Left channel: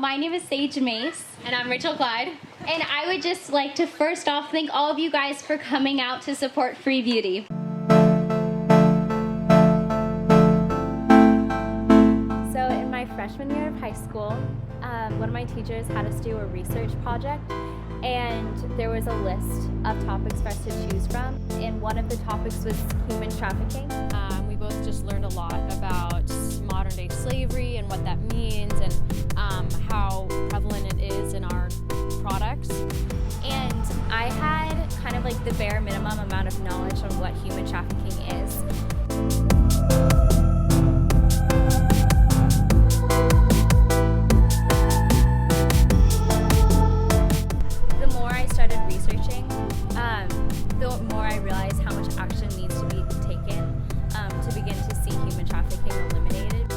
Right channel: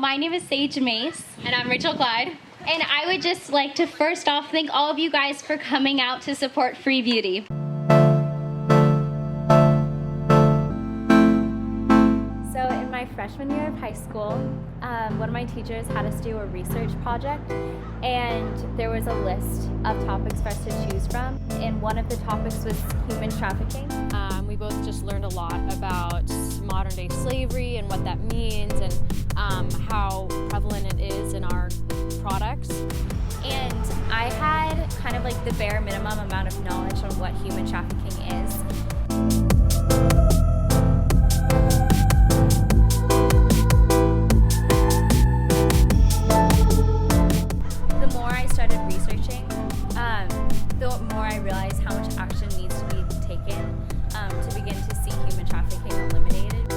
my name is Sage Mace. And I'm Rachel Clyde. And I would just like to first off thank all of you guys for coming out to support Free Beauty. So in my freshman year of high school, one of my teachers had us do a research project, and there was a list of topics for us to choose from, and one of the topics was human trafficking. We both just learned a lot about modern day slavery and what that means, and how prevalent it is in our products. And I had kind of like the bare minimum amount of knowledge on what human trafficking is. The more I started researching, the more I realized how much action needs to be taken to begin to see human trafficking eliminated.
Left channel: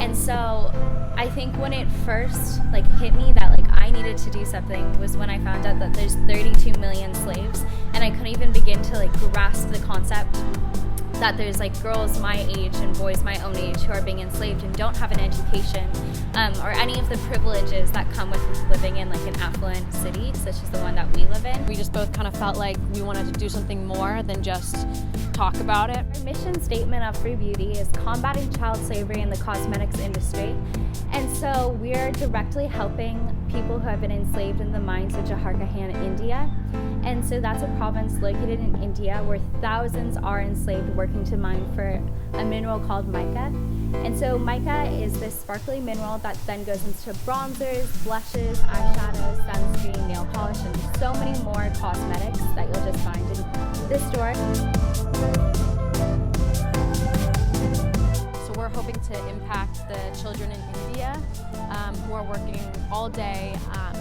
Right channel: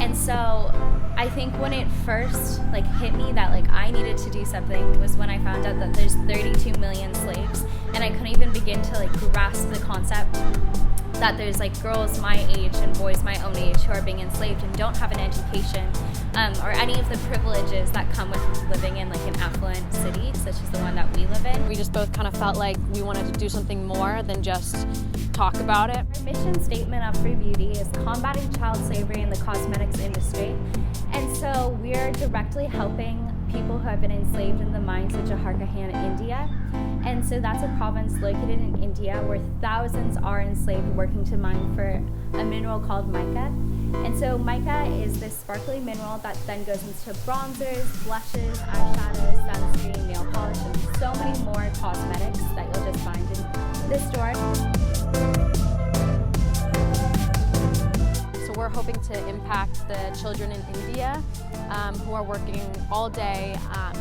And so I think when it first hit me that I needed to do something was when I found out that there's 32 million slaves, and I couldn't even begin to grasp the concept that there's girls my age and boys my own age who are being enslaved and don't have an education or any of the privileges that come with living in an affluent city such as the one that we live in. We just both kind of felt like we wanted to do something more than just talk about it. Our mission statement of Free Beauty is combating child slavery in the cosmetics industry. And so we're directly helping people who have been enslaved in the mines of Jharkhand, India. And so that's a province located in India where thousands are enslaved working to mine for a mineral called mica. And so mica is this sparkly mineral that then goes into bronzers, blushes, eyeshadows, sunscreen, nail polish, and so many more cosmetics that you'll just find in this store. So we're hoping to impact the children in India who are working all day,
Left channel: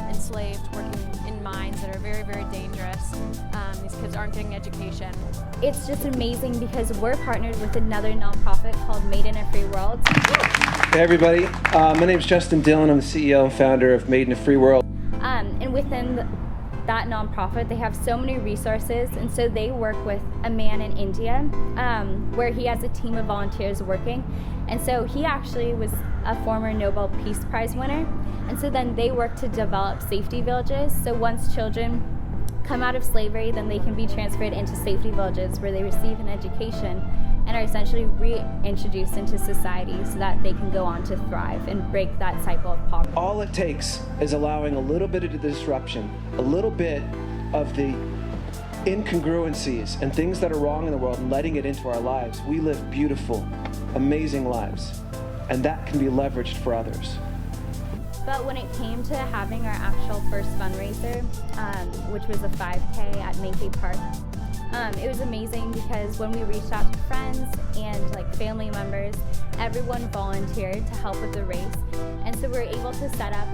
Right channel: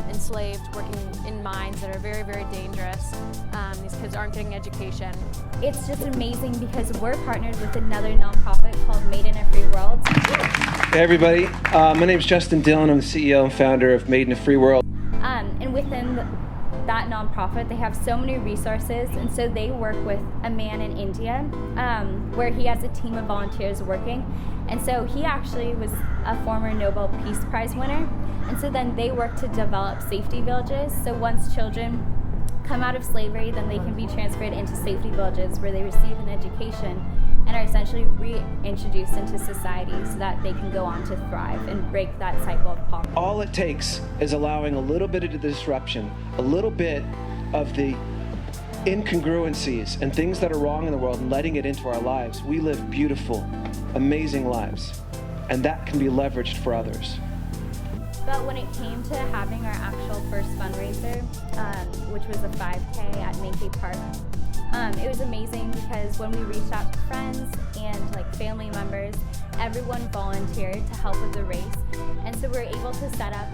enslaved, working in mines that are very, very dangerous. These kids aren't getting education. It's just amazing because we're partnered with another nonprofit called Made in a Free World. Hey everybody, my name is Justin Dillon. I'm the CEO and founder of Made in a Free World. And within that nonprofit, they have so many resources, and so they work with a man in India where he has a team of volunteers working. And so he actually was a former Nobel Peace Prize winner. And so then they work to develop safety villages. So once children come out of slavery, then they can be transferred into safety villages where they receive an education and are essentially reintroduced into society so that they can go on to thrive and break that cycle of poverty. All it takes is allowing a little bit of the disruption, a little bit of the incongruencies and things that are wrong in the world and letting it into our lives. We live beautiful, amazing lives, and that can be leveraged for others. But when it came to having our actual first fundraiser, which was a 5K at Mankey Park, it was amazing because when we reached out to friends and family members, everyone volunteered to help with the race. And so we were able to set up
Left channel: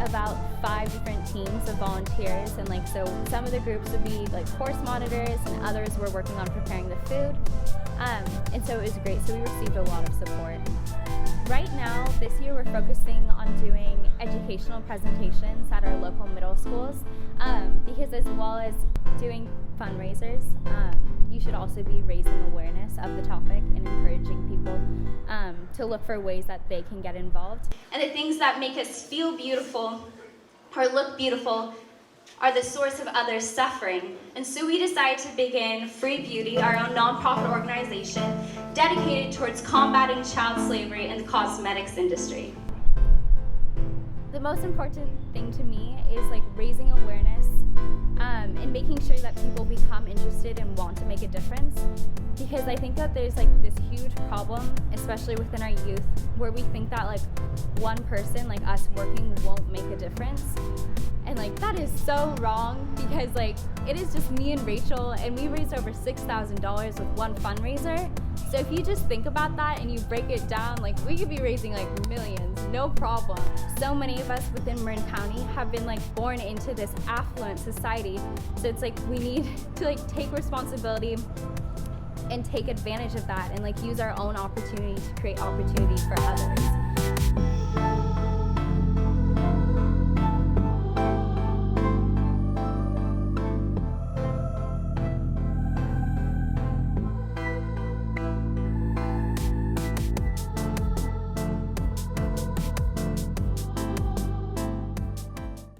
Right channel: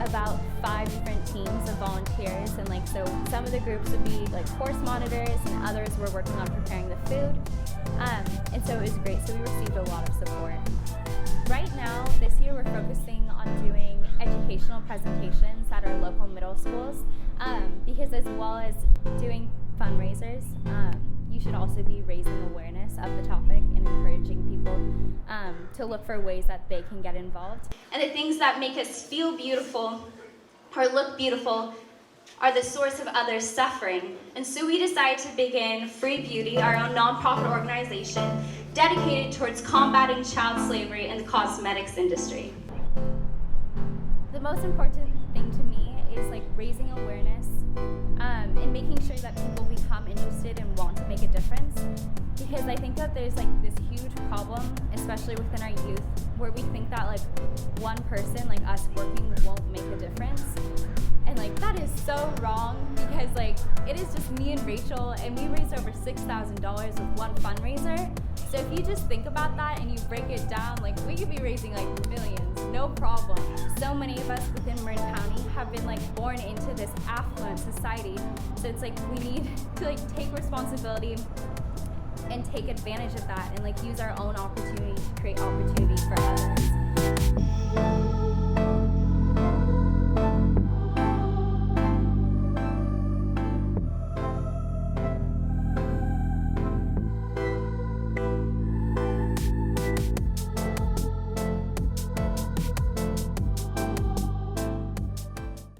about 5 different teams of volunteers, and so some of the groups would be course monitors and others were working on preparing the food. And so it was great, so we received a lot of support. Right now, this year we're focusing on doing educational presentations at our local middle schools because as well as doing fundraisers, you should also be raising awareness of the topic and encouraging people to look for ways that they can get involved. And the things that make us feel beautiful or look beautiful are the source of others' suffering. And so we decided to begin Free Beauty, our own nonprofit organization dedicated towards combating child slavery in the cosmetics industry. The most important thing to me is raising awareness and making sure that people become interested and want to make a difference, because I think that there's this huge problem, especially within our youth, where we think that one person like us working won't make a difference. And that is so wrong, because it is just me and Rachel, and we raised over $6,000 with one fundraiser. So if you just think about that and you break it down, we could be raising millions, no problem. So many of us within Marin County have been born into this affluent society. So it's we need to take responsibility and take advantage of that and use our own opportunity to create opportunity for others.